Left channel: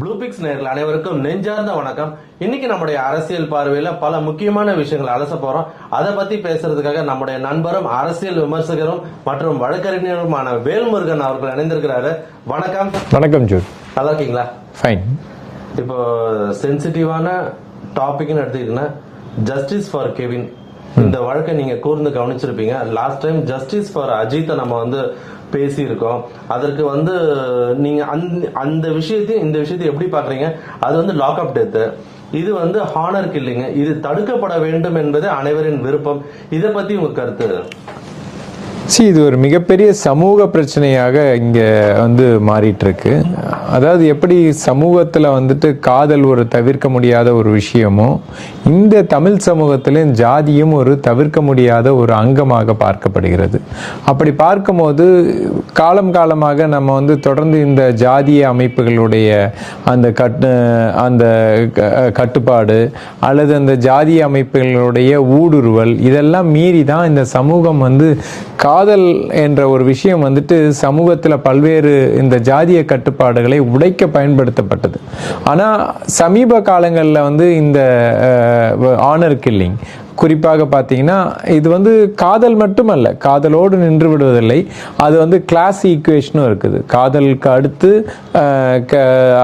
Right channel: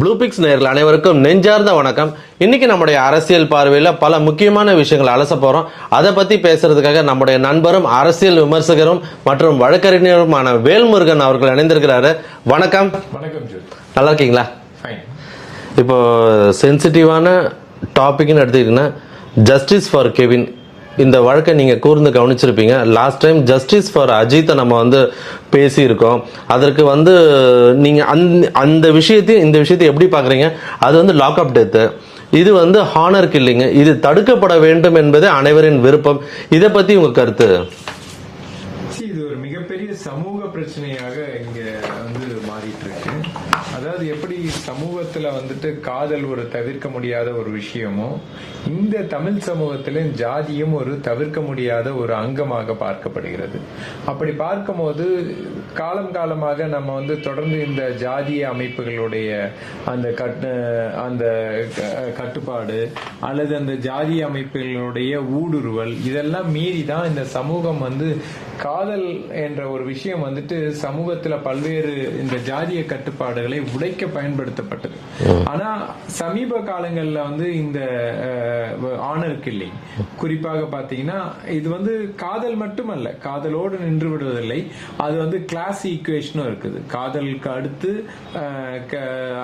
Blue fix நேயர்கள் அனைவருக்கும் நெஞ்சார்ந்த வணக்கம். இன்னைக்கு நம்முடைய அரசியல் பார்வையில் பல முக்கியமான விஷயங்களை அலச போறோம். அதை பத்தி பேசுறதுக்காக நம்முடைய நண்பரும் அரசியல் விமர்சகரும் மற்றும் வழக்கறிஞருமான வேல்முருகன் அவர்கள் இணைந்திருக்கிறாரு. வணக்கம். வணக்கம் ஜூட். நல்லா இருக்கீங்களா? ஃபைன். இப்போ சென்சிட்டிவான டாபிக்னு எடுத்துக்கிட்டீங்கன்னா ஜஸ்டிஸ் ஃபார் கெவின். இந்த வழக்கை நீங்க கூர்ந்து கவனிச்சிருப்பீங்க. லாஸ்ட் டைம் ஜஸ்டிஸ் ஃபார் அஜித்தை நம்ம பேசியிருக்கோம். அதற்கு நீங்க அந்த விஷயத்தையும் இந்த விஷயத்தையும் எப்படி பாக்குறீங்க? அது லாக் அப் டெத்து, இது ஹானர் கில்லிங், இது தடுக்கப்பட வேண்டும் என்பது அனைவரின் விருப்பம். இதை பத்தி உங்க கருத்து? இது ஒரு மிகப்பெரிய சமூக பிரச்சனையாக இங்க மாறிட்டு இருக்கு. அதாவது எப்படி சமூகத்துல காதல் ஒரு தவிர்க்க முடியாத ஒரு விஷயமோ, இந்த தமிழ் சமூகத்திலும் ஜாதியும் ஒரு தவிர்க்க முடியாத ஒரு அங்கமாக பார்க்கப்படுகிறது. அப்படி பார்க்கும்போது காலம் காலமாக நம்ம தொடர்ந்து இந்த ஜாதிய அமைப்புகளுடைய அந்த கட்டுப்பாடு அல்லது அந்த ஜாதிய அமைப்புகளுடைய ஊடுருவல் இதெல்லாம் மீறி தான் இந்த சமூகம் காதல் என்ற ஒரு விஷயம் சமூகத்துல பல்வேறு இந்த ஜாதிய கட்டுப்பாடுகளை உடைக்க பயன்படுத்தப்பட்டது. ஆனா சமீப காலங்கள்ல இந்த ஆனர் கில்லிங் குறிப்பாக பாத்தீங்கன்னா இது காதல் மட்டுமல்ல, காதலோடு நின்று விடுவதில்லை. அது கிளாஸ் ஈக்குவேஷனும் இருக்குது. காதலுக்கு அடுத்து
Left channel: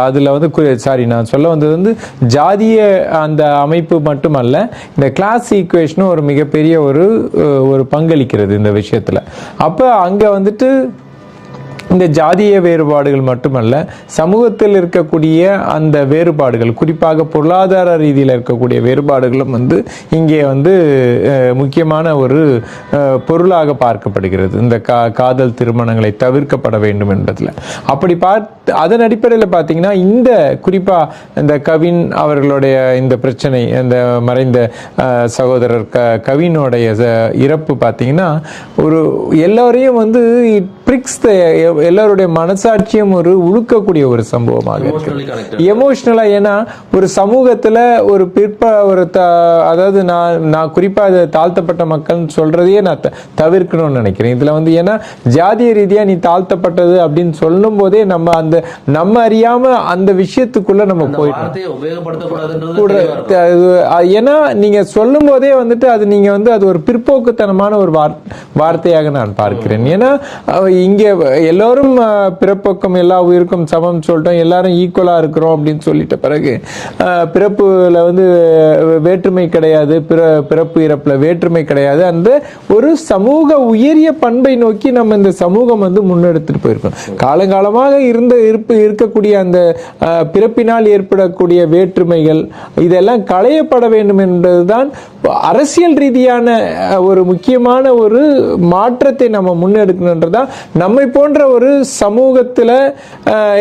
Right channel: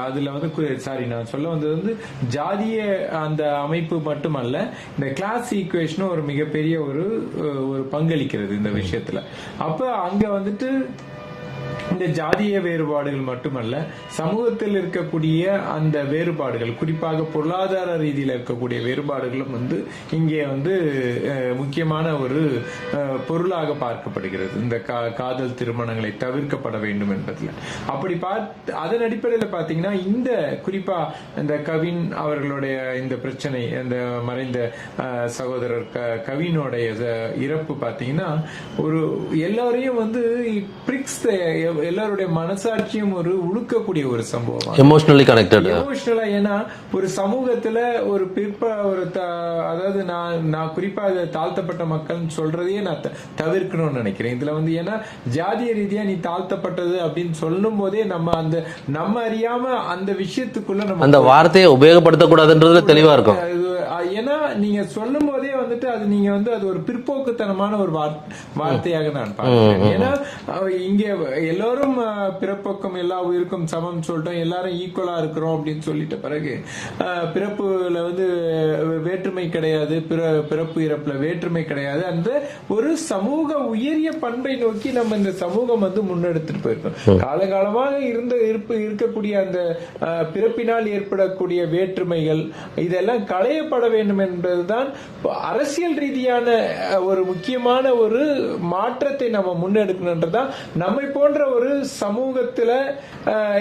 அதுல நான் சொல்ல வந்தது ஜாதிய அந்த அமைப்பு மட்டுமல்ல, இந்த கிளாஸ் ஈக்குவேஷனும் ஒரு மிகப்பெரிய ஒரு பங்களிக்கிறது இந்த விஷயத்துல. அப்ப அங்க இந்த ஜாதிய வேறுபாடுகள் மட்டுமல்ல, சமூகத்தில் இருக்கக்கூடிய அந்த வேறுபாடுகள், குறிப்பாக பொருளாதார ரீதியில் இருக்கக்கூடிய வேறுபாடுகளும் இங்கே முக்கியமான ஒரு பொருளாக பார்க்கப்படுகிறது. இந்த காதல் திருமணங்களை தவிர்க்கப்பட வேண்டும் என்பதில் அப்படி அதன் அடிப்படையில் பார்த்தீங்கன்னா இந்த குறிப்பா இந்த கவின் அவர்களுடைய இந்த பிரச்சனை, இந்த மறைந்த சகோதரர் கவினுடைய இறப்பு பார்த்தீங்கன்னா ஒரு எல்லாரையும் எல்லாருடைய மனசாட்சியும் ஒரு உழுக்கக்கூடிய ஒரு சம்பவம். எமோஷனலா ஏன்னா ஒரு சமூகத்துல ஒரு அதாவது நான் குறிப்பா தாழ்த்தப்பட்ட மக்கள் சொல்றதையே நான் தவிர்க்கணும்னு நினைக்கிறேன். இதுல ஏன்னா ஜாதிய ரீதியா நீ தாழ்த்தப்பட்டது அப்படின்னு சொல்லும் போதே நம்ம அறியாம அந்த விஷயத்துக்குள்ள நம்ம அந்த வார்த்தையை உபயோகப்படுத்தக்கூடாதுன்றது தெளிவா இருக்கும். ஏன்னா நீங்க சொல்லும் போதே அது நீங்க அது ஒரு பிற்போக்குத்தனமான ஒரு வார்த்தையாக நான் பார்க்கிறேன். ஏன்னா இங்க எல்லாரும் பிறப்பக்கம் எல்லா உயிருக்கும் சமம் சொல்லிட்டோம், எல்லாரும் ஈக்குவலா இருக்கிறோம் அப்படின்னு சொல்லிட்ட பிறகு பிறப்புல வேற்றுமை கிடையாது, பிறப்பு இறப்புல வேற்றுமை கிடையாது. அந்த ஒரு சமூக உயரிய பண்பை நோக்கி நம்ம இந்த சமூகம் முன்னெடுத்துட்டு போயிருக்கோம். காலங்காலமாக இருக்கக்கூடிய அந்த பிறப்பினால் ஏற்படக்கூடிய வேற்றுமைகள் இதெல்லாம் களையப்பட வேண்டும் என்பதுதான் அரசியல் ரீதியான ஒரு முக்கியமான ஒரு மாற்றத்தை நம்ம முன்னெடுக்கணும்ன்றதான் நம்மை போன்ற ஒரு சமூகத்துல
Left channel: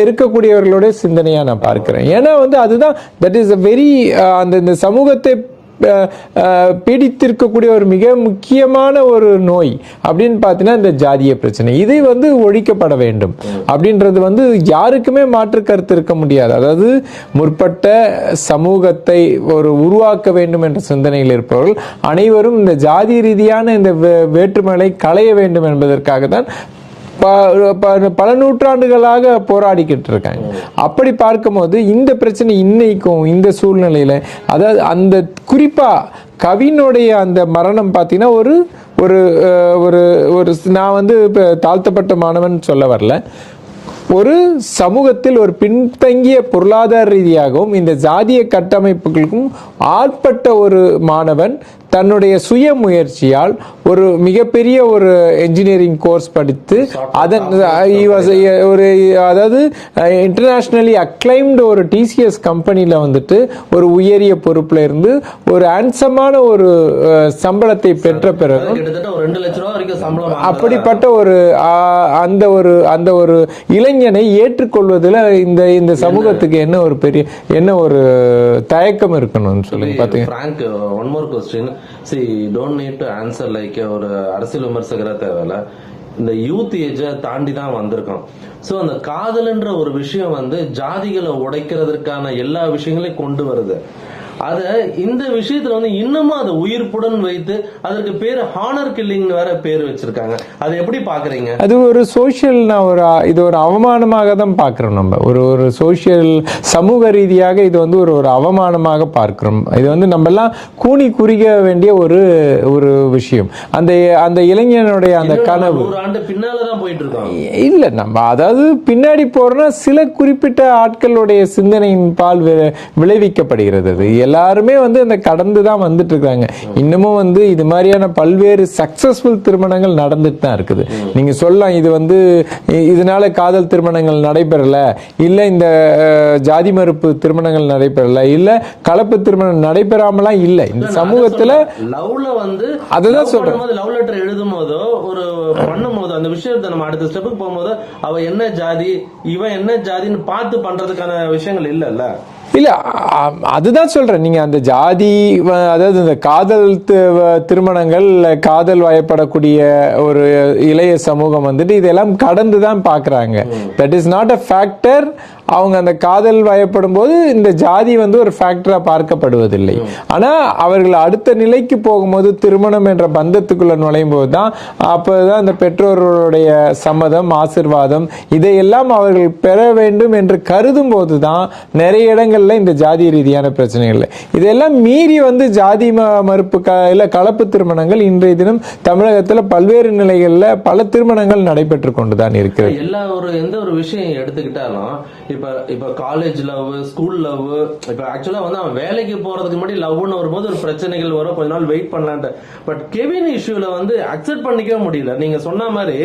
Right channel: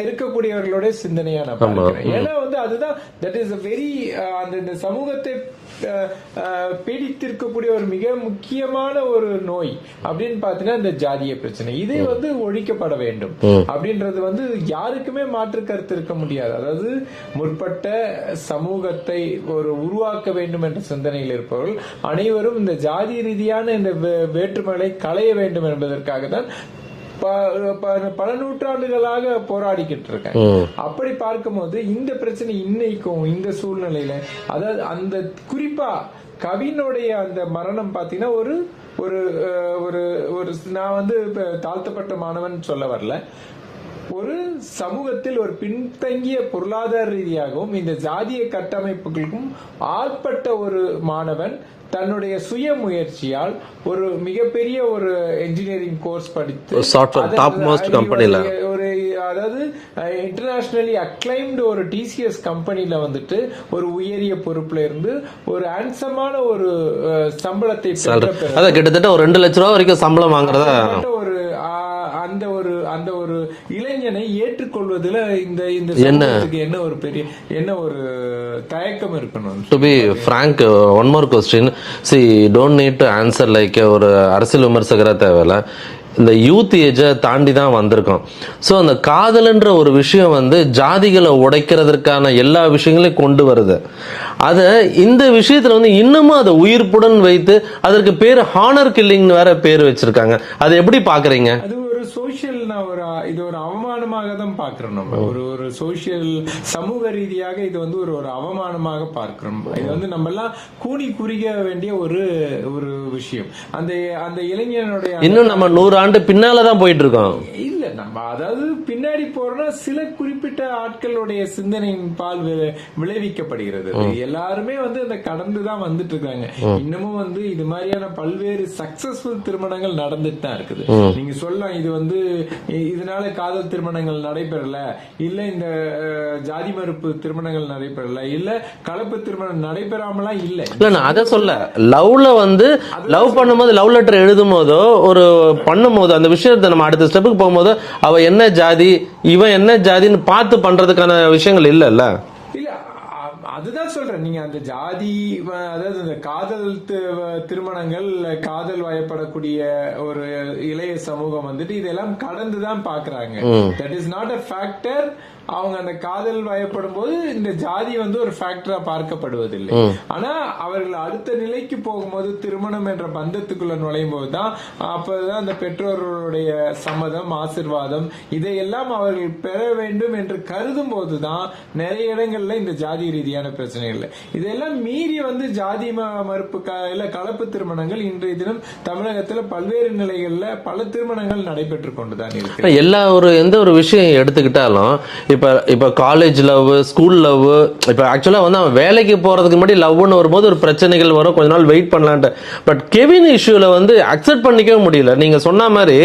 இருக்கக்கூடியவர்களுடைய சிந்தனையா நான் பார்க்கிறேன். ஏன்னா அதுதான் தட் இஸ் வெரி அந்த சமூகத்தை பீடித்திருக்கக்கூடிய ஒரு மிக முக்கியமான ஒரு நோய் அப்படின்னு பாத்தீங்கன்னா இந்த ஜாதிய பிரச்சனை. இதை ஒழிக்கப்பட வேண்டும் அப்படின்றது யாருக்குமே மாற்று கருத்து இருக்க முடியாது. அதாவது முற்பட்ட சமூகத்தை ஒரு உருவாக்க வேண்டும் என்ற சிந்தனையில் இருப்பவர்கள் அனைவரும் இந்த ஜாதி ரீதியான இந்த வேற்றுமைகளை களைய வேண்டும் என்பதற்காக தான் பல நூற்றாண்டுகளாக போராடிக்கிட்டு இருக்காங்க. அப்படி பார்க்கும்போது இந்த பிரச்சனை இன்னைக்கும் இந்த சூழ்நிலையில, அதாவது அந்த குறிப்பா கவினுடைய அந்த மரணம் பார்த்தீங்கன்னா ஒரு ஒரு ஒரு நான் தாழ்த்தப்பட்ட மாணவன் சொல்ல வரல, ஒரு சமூகத்தில் ஒரு பின்தங்கிய பொருளாதார ரீதியாகவும் இந்த ஜாதிய கட்டமைப்புகளுக்கும் ஆட்பட்ட ஒரு மாணவன் தன்னுடைய சுய முயற்சியால் ஒரு மிகப்பெரிய ஒரு என்ஜினியரிங் கோர்ஸ் படித்து ஒரு அதாவது இன்டர்நேஷனலி அக்ளைம்டு ஒரு டிசிஎஸ் கம்பெனில ஒரு உயரிய பொறுப்புல இருந்து ஒரு ஹேண்ட்ஸமான ஒரு சம்பளத்தை பெற்ற பிறகு கிட்டத்தட்ட ஒரு 2 லட்சம் ரூபாய் வரைக்கும் சம்பளம் அப்படிப்பட்ட ஒரு அந்த ஒரு இளைஞனை ஏற்றுக்கொள்வதில் இந்த சமூகத்துக்கு என்ன ஒரு தயக்கம் இருக்கணும்? Frank, one more question. See, don't need to answer like ஒரு அரசியல் விமர்சகரா தேவையில்ல. இந்த யூத் ஏஜை தாண்டி தான் வந்திருக்கோம். ஸோ அந்த காதல்ன்ற ஒரு விஷயம் வந்து ஜாதிகளை உடைக்கிறதுக்கான எல்லா விஷயங்களையும் கொண்டு வருது. அதை இந்த விஷயத்துல வந்து இன்னமும் அதை உயிர்ப்புடன் வைத்து அதற்கு பேர் ஹானர் கில்லிங்னு வேற பேர் வச்சிருக்காங்க. அதை எப்படி பாக்குறீங்க? அது ஒரு சோசியல், இது ஒரு அவமானமாக தான் பார்க்கிறோம். நம்ம ஒரு சோசியல் சமூக ரீதியாக இது வந்து ஒரு அவமானமாக பார்க்கிறோம். இது வந்து நம்ம எல்லாம் கூனி குறிக்க வேண்டிய ஒரு விஷயம். அந்த இளைஞனுடைய 100 ஆண்டு பின்னாலதான் போயிட்டு இருக்கோம். இல்ல, நம்ம அதாவது பின்னாடி போறோம்னா சில குறிப்பிட்ட ஆட்களுடைய சிந்தனையின் பால் விளைவிக்கப்படுகிறது. எல்லாருமே வந்து அந்த கடந்துதான் வந்துட்டு இருக்காங்க. இன்னமும் வந்து இது மாதிரியான பல்வேறு சக்சஸ்ஃபுல் திருமணங்கள் நடந்துட்டு தான் இருக்குது. நீங்க சொல்லலாம் இது வந்து இதனால காதல் திருமணங்கள் நடைபெறல, இல்ல இந்த ஜாதி மறுப்பு திருமணங்கள் நடைபெறல, இல்ல கலப்பு திருமணம் நடைபெறாமலாம் இல்ல. இந்த சமூகத்துல லவ்ல வந்து லவ் பண்ணும்போது லவ் லெட்டர் எழுதும் போதோ ஒரு பண்ணும் போது அந்த விஷயத்தை நம்ம அடுத்த ஸ்டெப்புக்கு போகும்போது அவ என்ன ஜாதி இவன் என்ன ஜாதின்னு பார்த்து பண்றதுக்கான விஷயங்கள் இல்ல. இல்ல, அதுதான் சொல்றேன். நீங்க அந்த ஜாதி, அதாவது இந்த காதல் திருமணங்கள், காதல் வயப்படக்கூடிய ஒரு இளைய சமூகம் வந்துட்டு இதெல்லாம் கடந்துதான் பாக்குறாங்க. That is not a factor. அவங்க அந்த காதல் வயப்படும் போது இந்த ஜாதி வந்து ஒரு ஃபேக்டரா பார்க்கப்படுவதில்லை. ஆனா அவர்கள் அடுத்த நிலைக்கு போகும்போது, திருமணம் என்ற பந்தத்துக்குள்ள நுழையும் போதுதான், அப்பதான் அந்த பெற்றோர்களுடைய சம்மதம், ஆசிர்வாதம் இதையெல்லாம் அவர்கள் பெற வேண்டும் என்று கருதும் போதுதான் நிறைய இடங்கள்ல இந்த ஜாதி ரீதியான பிரச்சனைகள். இதெல்லாம் மீறி வந்து ஜாதி மறுப்பு இல்ல கலப்பு திருமணங்கள் இன்றைய தினம் தமிழகத்துல பல்வேறு நிலைகள்ல பல திருமணங்கள் நடைபெற்று கொண்டுதான் இருக்கு. எந்த ஒரு விஷயம் எடுத்துக்கிட்டாலும் இப்ப காலேஜ் லவ், ஸ்கூல் லவ், இப்ப ஆக்சுவலா வந்து அவன் வேலைக்கு போறதுக்கு முன்னாடி லவ்னு வரும்போது ஒரு பிரச்சனைகள் வரும், கொஞ்ச நாள் வெயிட் பண்ணலான்ட்டு. பட் கெவின் இஷ்யூல வந்து அக்செப்ட் பண்ணிக்கவே முடியல. நீங்க சொன்ன மாதிரி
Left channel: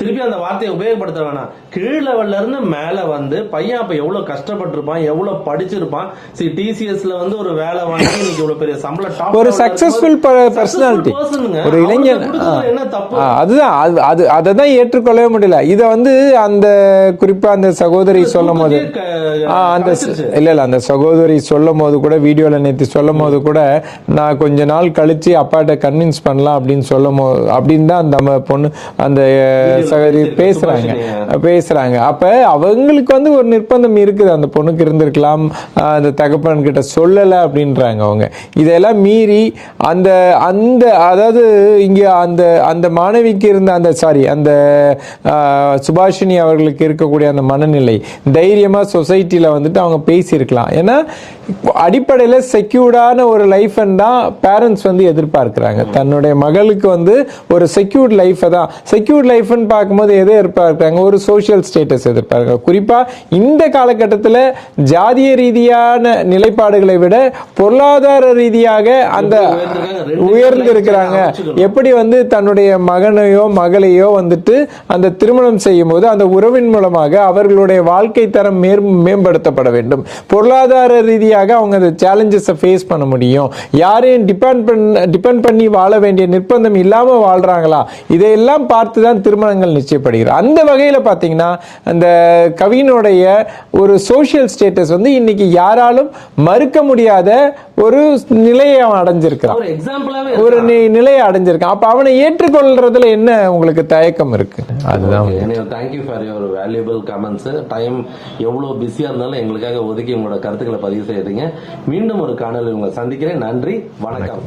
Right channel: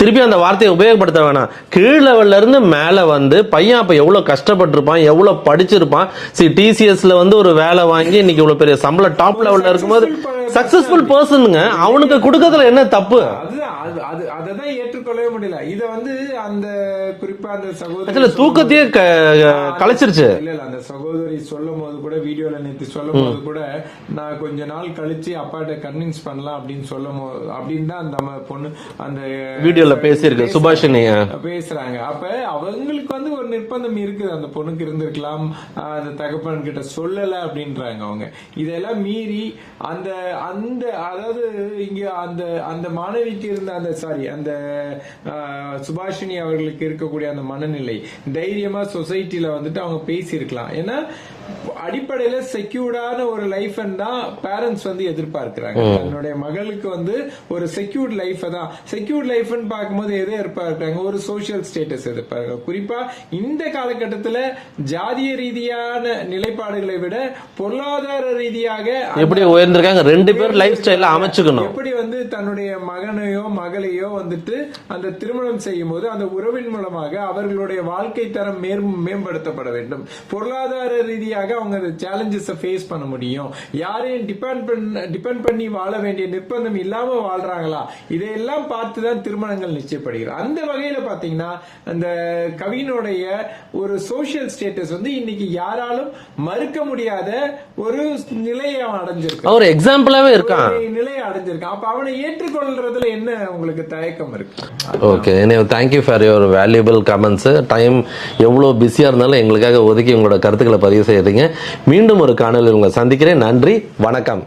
திருப்பி அந்த வார்த்தையை உபயோகப்படுத்த வேணாம். கீழ் லெவல்ல இருந்து மேல வந்து பையன் அப்ப எவ்வளவு கஷ்டப்பட்டிருப்பான், எவ்வளவு படிச்சிருப்பான். டிசிஎஸ்ல வந்து ஒரு வேலை வாங்கி இன்னைக்கு இவ்வளவு பெரிய சம்பள டாப் லெவல்ல இருக்கும்போது சக்சஸ்ஃபுல் பர்சனுங்க அவனுக்கு கொடுக்கிறதுல என்ன தப்பு? அதுதான் அததான் ஏற்றுக்கொள்ளவே முடியல. இத வந்து அந்த குறிப்பா அந்த சகோதரி சொல்லும் அந்த சகோதரி சொல்லும் போது கூட, வீடியோல நேத்து சொல்லும் போது கூட, நான் கொஞ்ச நாள் கழிச்சு அப்பாட்ட கன்வின்ஸ் பண்ணலாம் அப்படின்னு சொல்லும் போது, அப்படின்னு தான் அந்த பொண்ணு அந்த பேசுறாங்க. அப்ப அவங்களுக்கு வந்து ஒரு நிர்பந்தம் இருக்குது. அந்த பொண்ணுக்கு இருந்திருக்கலாம், அந்த தகப்பன் கிட்ட சொல்லல அப்படின்றாங்க அவங்க. இதெல்லாம் மீறி அந்த அதாவது இங்க அந்த மாணவிக்கு இருந்த அந்த சுபாஷினி அவர்களுக்கு இருக்கக்கூடிய அந்த மனநிலை, தைரியமா சொசைட்டில வந்துட்டு அவங்க பேசியிருக்கலாம். ஏன்னா அடிப்படையில செக்யூர்டான ஒரு லைஃப் தான் பேரண்ட்ஸ் வந்து எதிர்பார்க்கிறாங்க. தன்னுடைய மகளுக்கு வந்து ஒரு செக்யூர்ட் லைஃப் தான். செக்யூர்ட் லைஃப் பார்க்கும்போது எதை எதிர்பார்க்கிறாங்க? ஒரு சோசியல் ஸ்டேட்டஸ் எதிர்பார்க்கிறாங்க. குறிப்பா இந்த காலகட்டத்தில் ஜாதிய ரீதியான நிலைப்பாடுகளை விட பொருளாதார ரீதியாக அந்த எப்படி வந்து தன்னுடைய மகனையோ மகளையோ வந்துட்டு அந்த திருமணம் செய்யும் போது அந்த உறவின் மூலமாக அவர்களுடைய வாழ்க்கை தரம் மேம்படுத்தப்பட வேண்டும். பொருளாதார ரீதியாக அவங்க அந்த சேலஞ்சஸ் ஃபேஸ் பண்ண முடியும். யாரையும் டிபெண்ட் பண்ணி வாழ வேண்டிய நிர்பந்தம் இல்லாம வாழ்றாங்களா, இதையெல்லாம் பார்த்துதான் திருமணங்கள் நிச்சயப்படுகிறது. அந்த வகையில பாத்தீங்கன்னா அந்த கவினுடைய ஒரு சோசியல் ஸ்டேட்டஸ் வந்து இன்னைக்கு யாராலும் மறுக்க முடியாத ஒரு நிலையை அடைஞ்சிருக்கான். ஒரு எக்ஸாம்பிளாவே ஒரு நிலையை அடைஞ்சிருக்கான். அப்ப அவனை ஏற்றுக்கொள்றதுல என்ன உங்களுக்கு தயக்கம் இருக்கு? Okay, thank you for your valuable comments. Time எவ்வளவு பிஸியா இருந்தாலும் எங்களுக்காக ஒதுக்கி உங்களோட கருத்துக்களை பதிவு செய்யறீங்க. மீண்டும் ஒரு காணொலியில் உங்களை சந்திக்கிறேன். நன்றி, வணக்கம்.